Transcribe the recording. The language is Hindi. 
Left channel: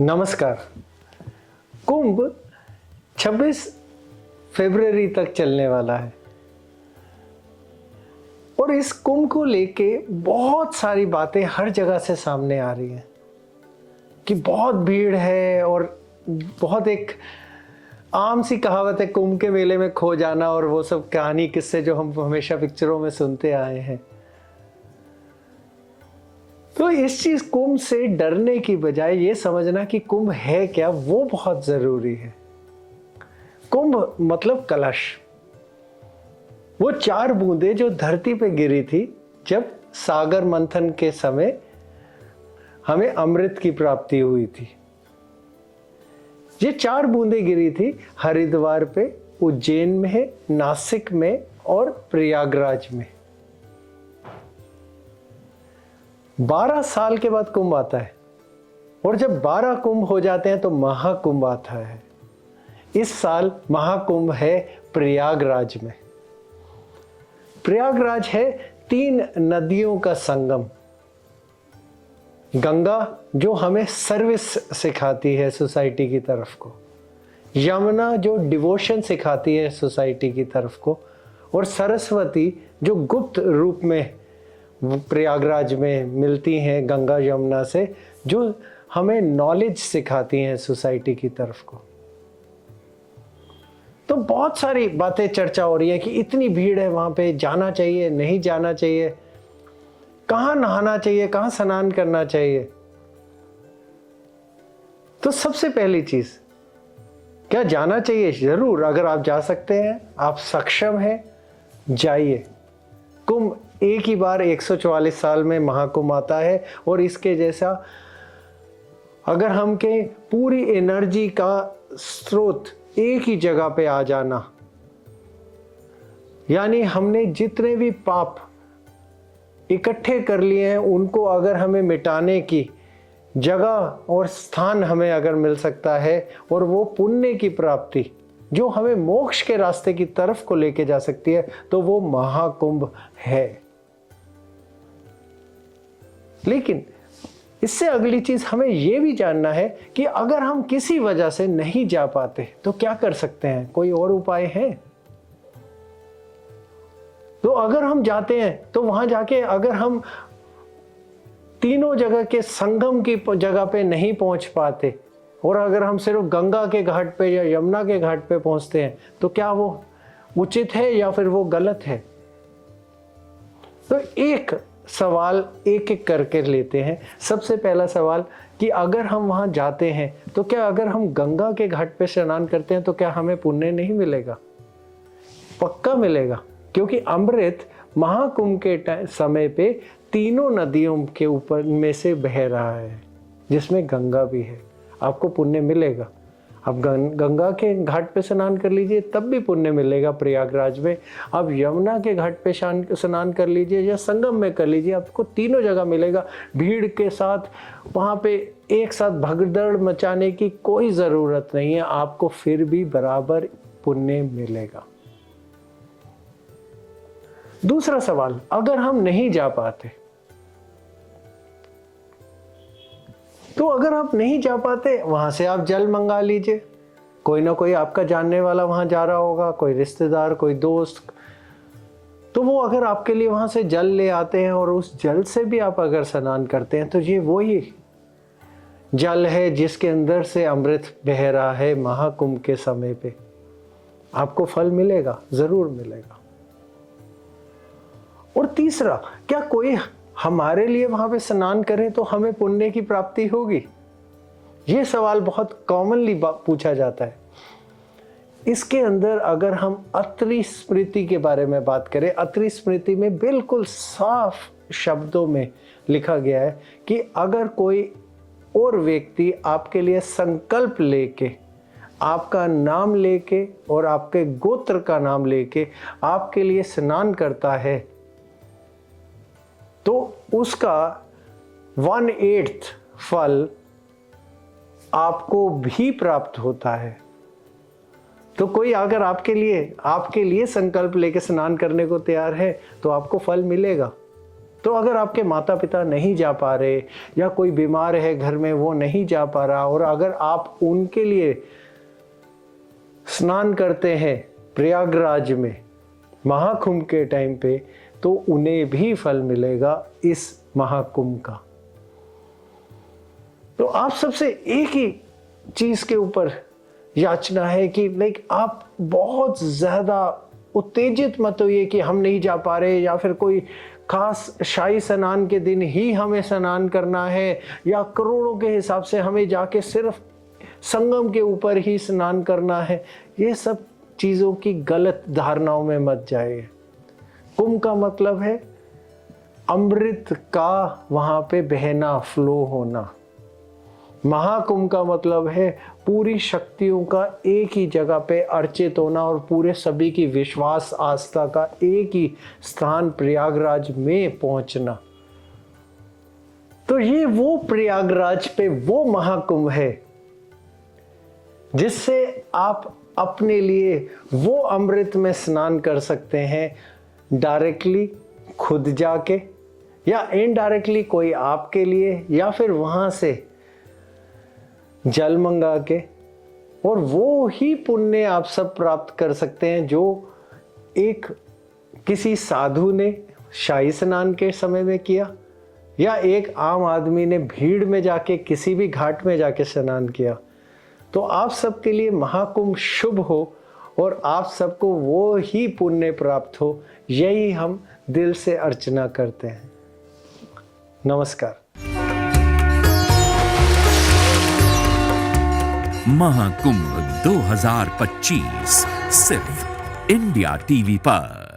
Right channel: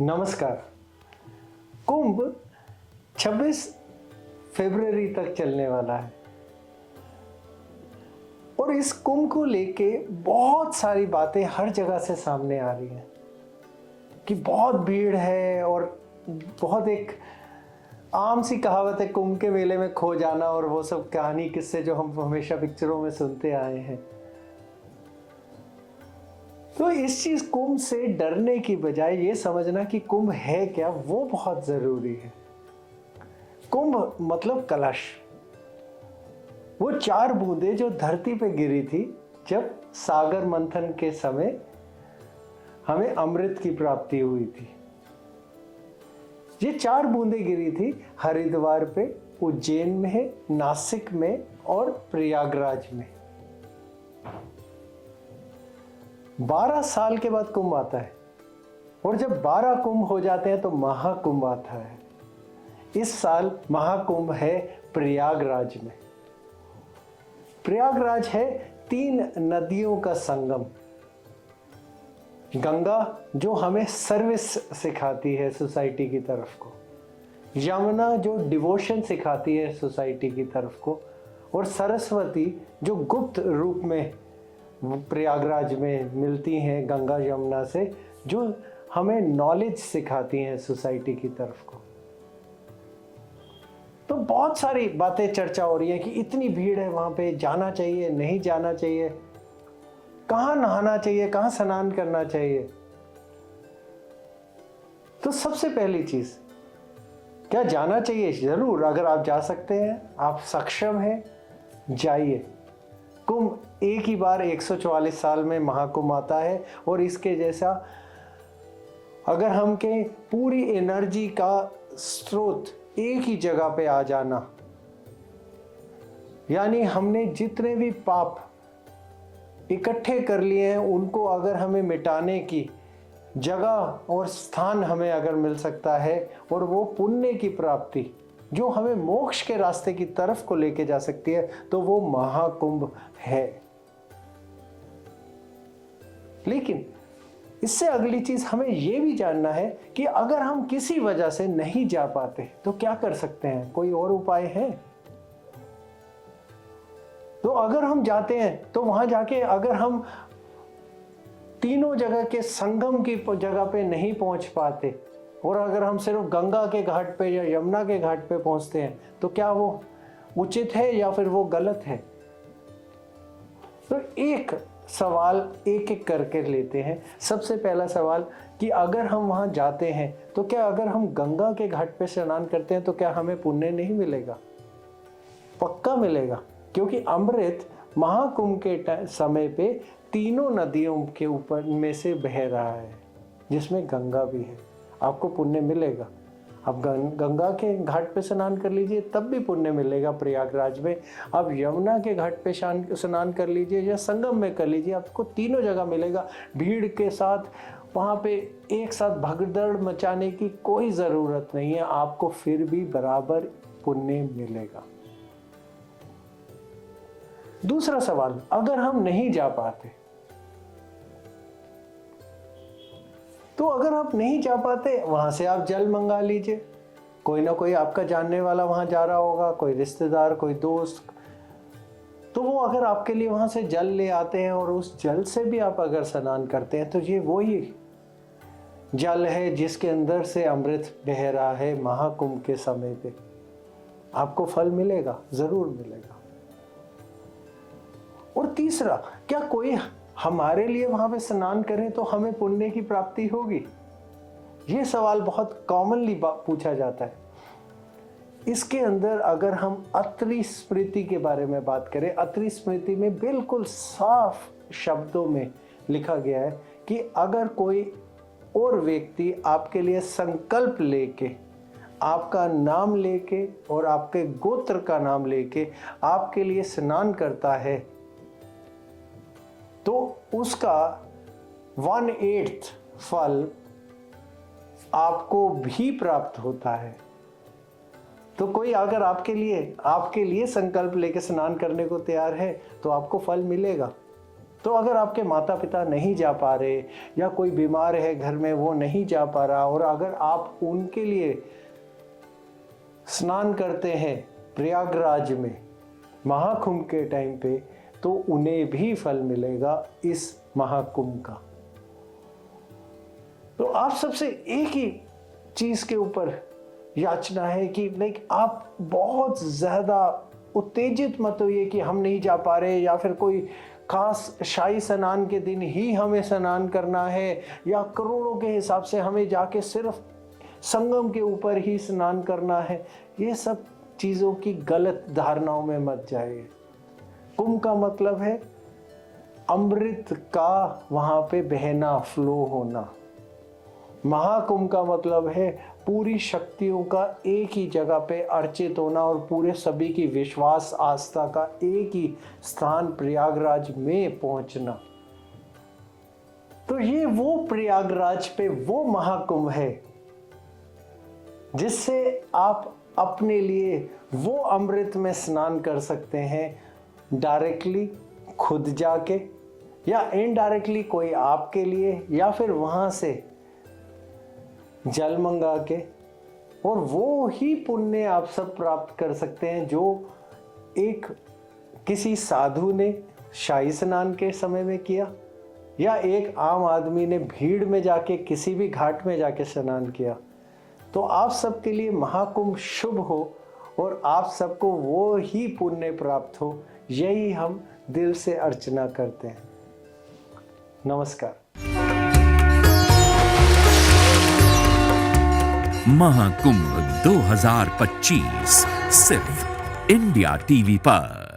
नमस्कार। कुंभ 26 फरवरी तक चलने वाला है और इस कुंभ को लेके बहुत सारी बातें हर जगह से सामने आ रही हैं कि बहुत भीड़ है और बहुत एक आम सी कहावत है कुंभ के मेले में खो जाना और वो सब कहानी किस्से जो हम हमेशा पिक्चरों में सुनते आए हैं। तो इस चीज कुंभ से डरने की बजाय ये समझना कि कुंभ है क्या, वो बहुत जरूरी है। कुंभ मतलब कलश, वो 4 बूंदें जो धरती पे गिरी थी जब सागर मंथन के समय हमें अमृत की प्राप्ति हुई थी। ये 4 बूंदें गिरी थी हरिद्वार पे, उज्जैन में, नासिक में और प्रयागराज में। 12 साल के बाद कुंभ आता है और जब 12 कुंभ हो जाते हैं तो महाकुंभ आता है। इस साल महाकुंभ है प्रयागराज में। प्रयागराज है 3 नदियों का संगम। गंगा जो हमें सर्विस सिखाती है सोसाइटी की तरफ को, यमुना जो डिवोशन सिखाती है सोसाइटी की तरफ को, और सरस्वती जो गुप्त रूप में प्रयागराज में मिलती हैं गंगा यमुना से, जो हमें नॉलेज सिखाती हैं सोसाइटी की तरफ को। तो बहुत सारी बातें चर्चा हो रही है कि इतनी भीड़ है, वहां पे जाना चाहिए नहीं जाना चाहिए, कहां नहाना चाहिए, कहां स्नान करना चाहिए। तो सबसे पहली चीज, क्या जाना चाहिए? जरूर, अगर आप जा सकते हैं, आप सक्षम हैं, जाइए। कुंभ एक ही बार 144 साल में महाकुंभ आता है और इसके जैसा अगर हम के पूरी एनर्जी का स्रोत एक ही जगह पे आ जाना, यानी हमने जितने भी पाप इकट्ठे कर लिए हैं उनको अगर हमें मिटाने की जगह और स्थान हमें अगर मिल सकता है, और वो पुण्य की प्राप्ति जो हमें मोक्ष के रास्ते की तरफ को लेके जा सकती है, तो वो महाकुंभ है। लेकिन इससे अगली चीज हमें यह भी जानना है कि अगर हम किसी वजह से नहीं जा पाते तो क्या कर सकते हैं, कोई और उपाय है? तो अगर हम जाते हैं तो वहां जाके अगर हम तीनों जगह के संगम की जगह पे नहीं पहुंच पाते और अगर हम सिर्फ गंगा के घाट पे या यमुना के घाट पे पहुंचते हैं, तो क्या वो उचित है या फिर वो गलत है? तो एक सवाल एक एक करके लेते हैं। सबसे पहला सवाल कि अगर हम वहां जाते हैं तो क्या अगर हम गंगा के घाट पे स्नान करते हैं तो क्या हमें पुण्य नहीं मिलेगा? पक्का मिलेगा, क्योंकि अमृत महाकुंभ के समय पे तीनों नदियों के ऊपर में से बह रहा है, जिसमें गंगा भी है। आपको पुण्य मिलेगा। आप गंगा के घाट पे स्नान कर लीजिए तब भी पुण्य मिलेगा प्रयागराज में। आप यमुना के घाट पे स्नान कर लीजिए या संगम में कर लीजिए, आपको तीनों जगह मिलेगा। भीड़ के साथ वहां पे एक साथ भगदड़ मचाने की कोई जरूरत नहीं है, आपको फिर भी बराबर पुण्य मिलेगा। दूसरा सवाल, अगर हम नहीं जा पाते, तो अगर आप नहीं जा पाते, वहां से आप जल मंगा लीजिए। कोई ना कोई आपका जानने वाला वहां जा रहा होगा, कोई रिश्तेदार, कोई दोस्त, तो वो अगर आपके लिए वहां से जल ले आते हैं और उस जल से भी आप अगर स्नान करते हैं, तो ये वही जल है जिसके अंदर से अमृत बह रहा है महाकुंभ के समय पे। आपको फल मिलेगा, जरूर मिलेगा। और तीसरा, क्या कोई हमारे लिए वहां पे स्नान करें तो हमें पुण्य की प्राप्ति होगी? यह सवाल बहुत कॉमनली पूछा जाता है। इसके अंदर अगर हम अत्रि स्मृति के बारे में बात करें, अत्रि स्मृति में बिल्कुल साफ शब्दों में लिखा गया है कि अगर कोई और व्यक्ति आपके लिए संकल्प लेके, आपका नाम लेके और आपके गोत्र का नाम लेके आपके लिए स्नान करता है, तो उसका 1/8 फल आपको भी प्राप्त होता है। तो कोई अगर आपके लिए संकल्प लेके स्नान करने को तैयार है तो आपको फल मिलेगा। तो अगर आपके माता पिता नहीं जा पा रहे या कोई बीमार है घर में, वो नहीं जा पा रहा, और अगर आप उनके लिए स्नान करते हैं प्रयागराज में महाकुंभ के टाइम पे, तो उन्हें भी फल मिलेगा इस महाकुंभ का। तो आप सबसे एक ही चीज के ऊपर याचना है कि लाइक आप बहुत ज्यादा उत्तेजित मत होइए कि हम नहीं जा पा रहे, या फिर कोई खास शाही स्नान के दिन ही हमें स्नान करना है, या करोड़ों के हिसाब से हमें जाके सिर्फ संगम के ऊपर ही स्नान करना है। ये सब चीजों की गलत धारणाओं में मत जाइए। कुंभ का मतलब है अमृत का वहां पे बहना, फ्लो होना। महाकुंभ का मतलब है पूरी शक्तियों का एक ही जगह पे अर्चित होना और पूरे सभी की विश्वास आस्था का एक ही स्थान प्रयागराज में पहुंचना। तो ये वो प्रयागराज पे वो महाकुंभ है जिससे आप अपने लिए वो अमृत में स्नान कर सकते हैं, डायरेक्टली खुद जाके या इनडायरेक्टली कोई आपके लिए, या फिर वहां से जल मंगा के, और वो ही पुण्य आप सब प्राप्त कर सकते हैं जो एक किसी साधु ने शाही स्नान के समय में किया, या एक आम आदमी ने भीड़ में जाके किसी भी घाट में जाके स्नान किया। तो आप सबके लिए महाकुंभ शुभ हो और आप सबको वो ही पुण्य प्राप्त हो, यही हम दिल से अर्चना करते हैं। नमस्कार। महाकुंभ 2025 सिर्फ इंडिया टीवी पर।